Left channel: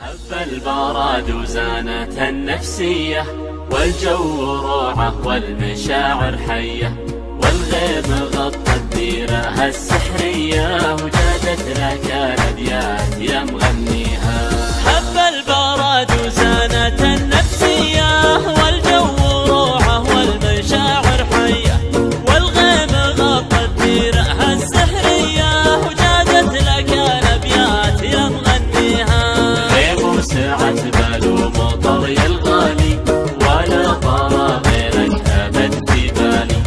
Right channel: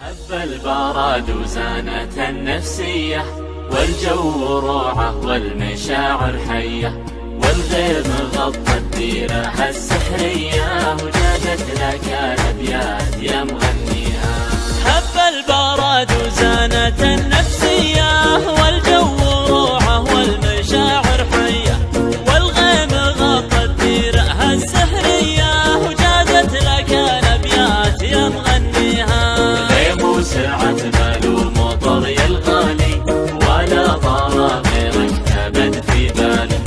هب البراد وزانت النفسية، والجو روعة والمشاعر حية، والغيم غطت ديرها السحرية، وجادت لك الأبيات يا مغنيها. هب البراد وزانت النفسية، والجو روعة والمشاعر حية، والغيم غطت ديرها السحرية، وجادت لك الأبيات يا مغنيها. وسعت بال ومطر يا الغالي، ولا طار غيرك أبد في بالي،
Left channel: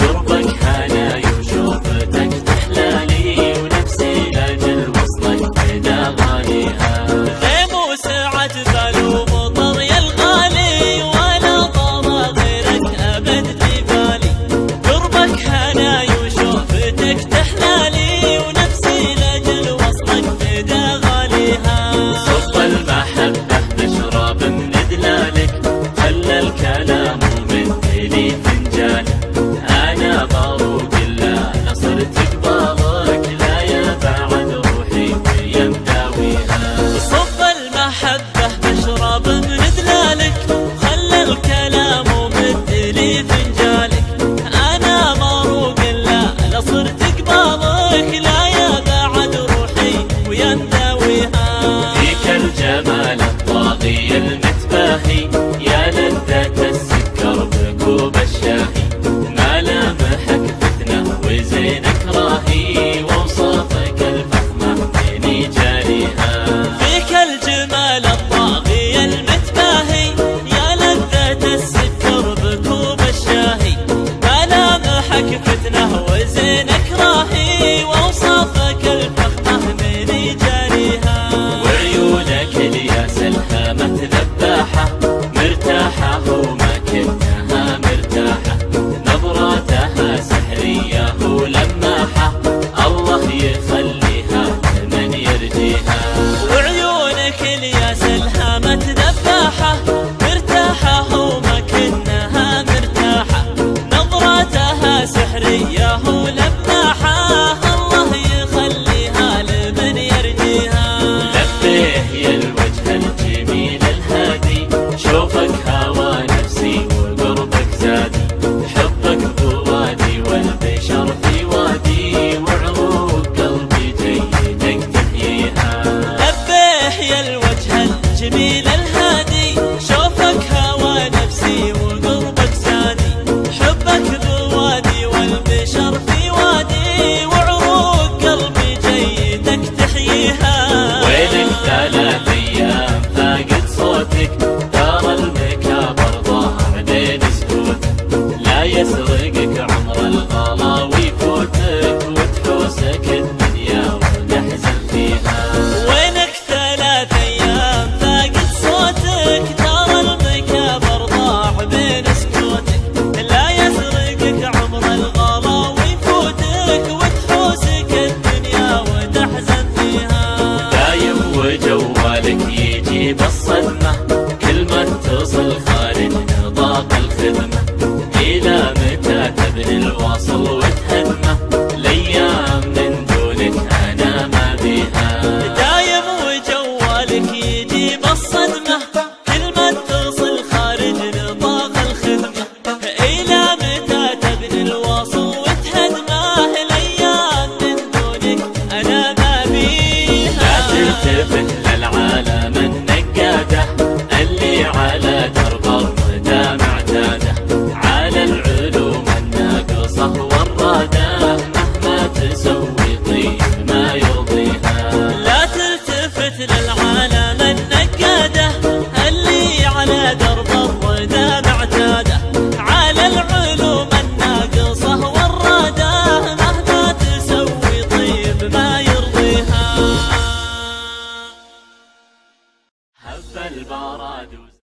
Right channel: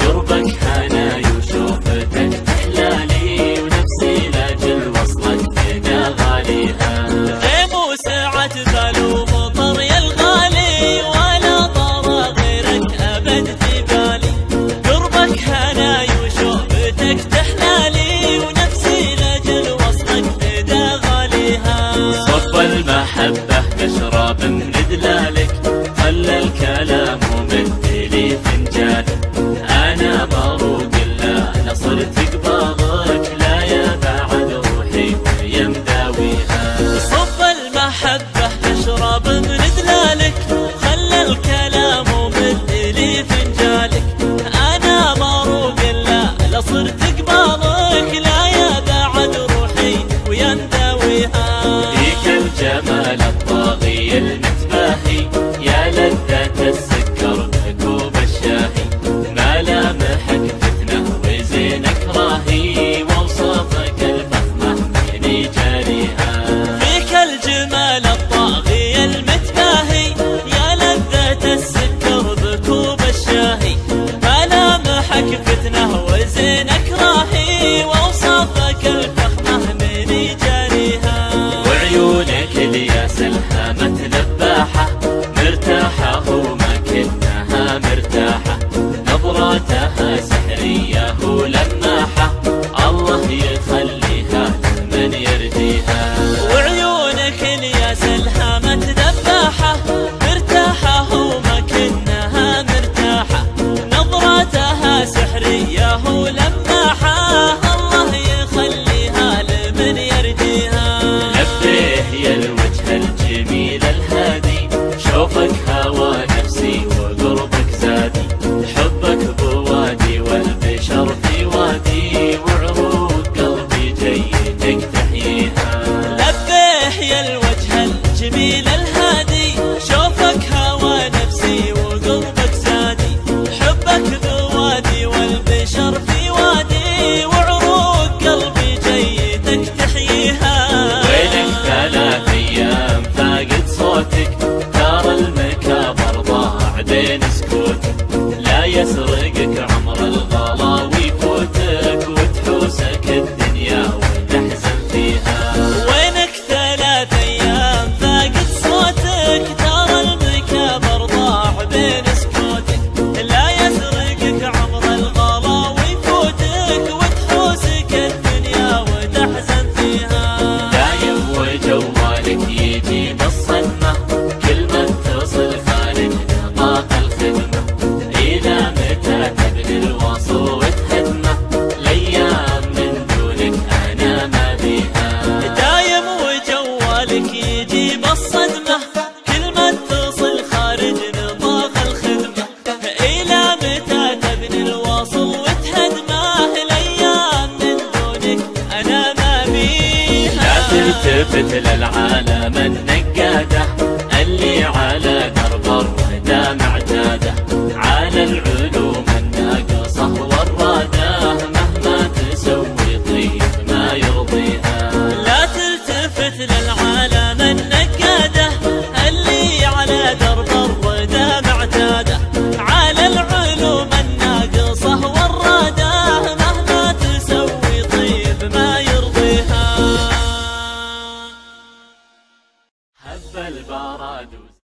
قربك حناي وشوفتك تحلالي، ونفسي لاجل وصلك فدا غاليها. غيم وسعت بال ومطر يا الغالي، ولا طار غيرك أبد في بالي، قربك حناي وشوفتك تحلالي، ونفسي لاجل وصلك فدا غاليها. صب المحبة نشرب من دلالك، خلى الكلام ومدلي فنجالك، أنا بروق لا صرت قبالك، لا يا بعد روحي ويا مداويها. صب المحبة نشرب من دلالك، خلى الكلام ومدلي فنجالك، أنا بروق لا صرت قبالك، لا يا بعد روحي ويا مداويها. الجمال الطاغي المتباهي، يا لذة السكر بكوب الشاهي، ملامحك فتنة وزينك راهي، ووصافك الفخمة من جاريها. فيك الجمال الطاغي المتباهي، يا لذة السكر بكوب الشاهي، ملامحك فتنة وزينك راهي، ووصافك الفخمة من جاريها. وعيونك الياس الهامة ذباحة، مرتاحة وما كنها مرتاحة، نظراتها سحرية ولماحة، الله يخليها لمن يرجيها. وعيونك الياس الهامة ذباحة، مرتاحة وما كنها مرتاحة، نظراتها سحرية ولماحة، الله يخليها لمن يرجيها. يا الوجه الجميل الهادي، شوفك هوى نفسي وقربك زادي، حبك بوادي والبشر في وادي، وعروق قلبي جيدك تحييها. لبيه يا الوجه الجميل الهادي، شوفك هوى نفسي وقربك زادي، حبك بوادي والبشر في وادي، وعروق قلبي جيدك تحييها. ويلك 3 أيام فاقد صوتك، ترى المكابر ضاع بين سكوتك، لا يسرقك عمر الغلا ويفوتك، وتحوسك الدنيا ونحزن فيها. وينك 3 أيام فاقد صوتك، ترى المكابر ضاع بين سكوتك، لا يسرقك عمر الغلا ويفوتك، وتحوسك الدنيا وتحزن فيها. وجوالك يجيب الصدمة، كل ما اتصل خارج نطاق الخدمة، إلى متى تبني الواصل وتهدمه، الأيام من دونك أنا ما بيها. دايم وجوالك يجيب الصدمة، كل ما اتصل خارج نطاق الخدمة، إلى متى تبني الواصل وتهدمه، الأيام من دونك أنا ما بيها. تلتفت للعالم النقادة، اللي على درب الردى معتادة، على العلوم الناقصة والرادة، مهما تسوي طيب ما يرضيها. لا تلتفت للعالم النقادة، اللي على درب الردى معتادة،